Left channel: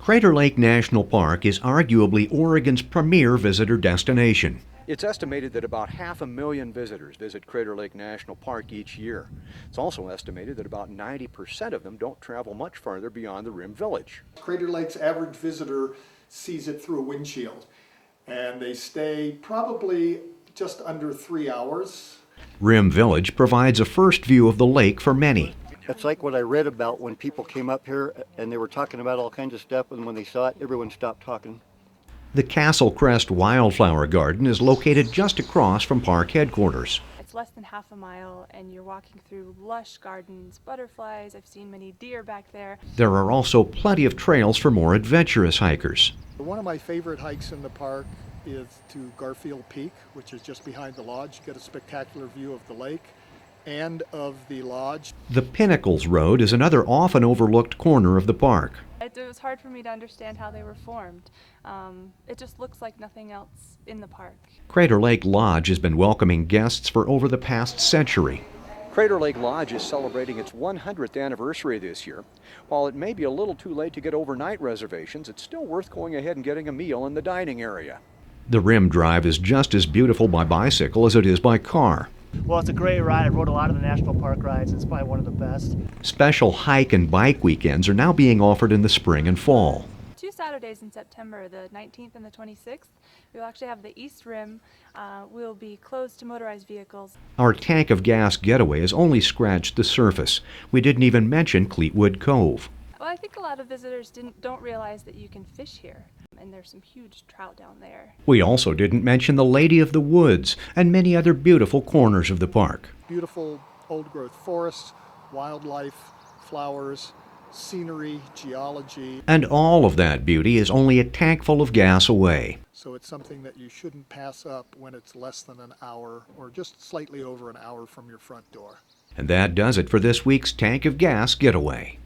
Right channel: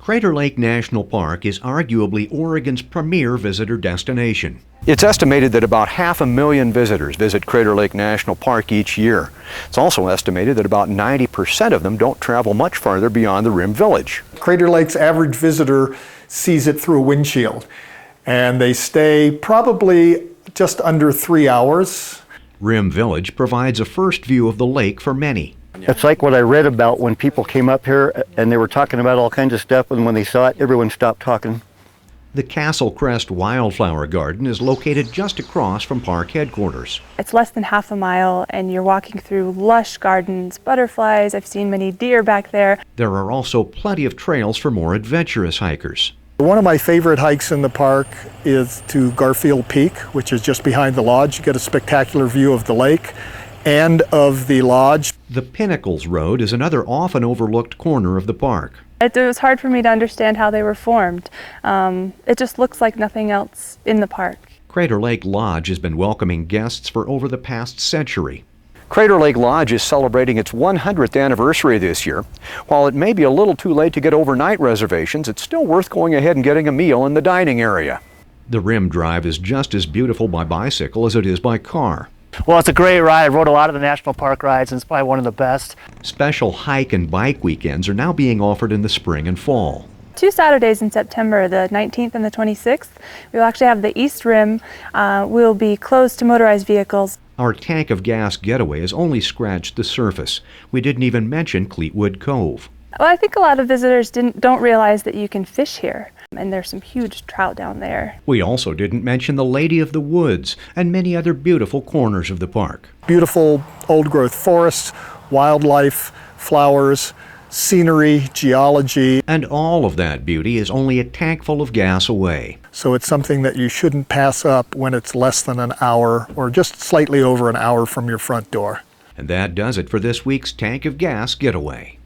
Crater Lake National Park is arguably Oregon's premier visitor destination. It's estimated that about 500,000 visitors visit Crater Lake National Park each year. It's also estimated that about 90% of them don't travel much farther beyond the Rim Village. Crater Lake's average visitor sees it through a windshield, and they stay probably just under 3 hours. Rim Village provides a first view of the lake for many. It's like what I read about when people came up here and they were talking about all kinds of stuff, and when they saw it, everyone stopped talking. The Castle Crest Wildflower Garden is located just across from park headquarters. It's less than half a mile, and you're walking through lush gardens, butterflies. I've seen many deer back there. There are also plenty of trails for more adventurous hikers. One of my favorite hikes in the park is to Garfield Peak, which is just behind the lodge. You get a spectacular view of the lake and of the lodge. The Pinnacles Road is another often overlooked corner of the park. It was hard for me to understand how they were formed. It just looks like nothing else in the park. Crater Lake Lodge has been welcoming guests for over the past century. Crater Lake Lodge is celebrating its 100th anniversary this year. While it may be a little too late to get overnight reservations, it's still worth going ahead and getting a meal in the dining area. The Rim Drive is just as beautiful by bicycle as it is by car. Well, it's a great ride. I rode a lot of the national park rides, and it's probably one of the best. Special hike and bike weekends are now being offered in the spring and fall. 2 Saturdays in September, the 19th and the 26th, we'll actually have the East Rim. We'll be closed to motorized vehicles. Our tank of gas getaway has only scratched the surface. We didn't even mention Cleetwood Cove. Well, I think a lot of visitors don't realize that you can fish here, and there's some huge trout down there. We also didn't mention the Lady of the Woods and many other beautiful corners of the park. Beautiful old-growth forests, wildlife, flowers, scenery, geology. And all of that beauty is only a tank full of gas away. So it's something that you shouldn't pass up when it's less than an hour or just slightly over an hour from your front door. And that does it for this week's Tank of Gas Getaway.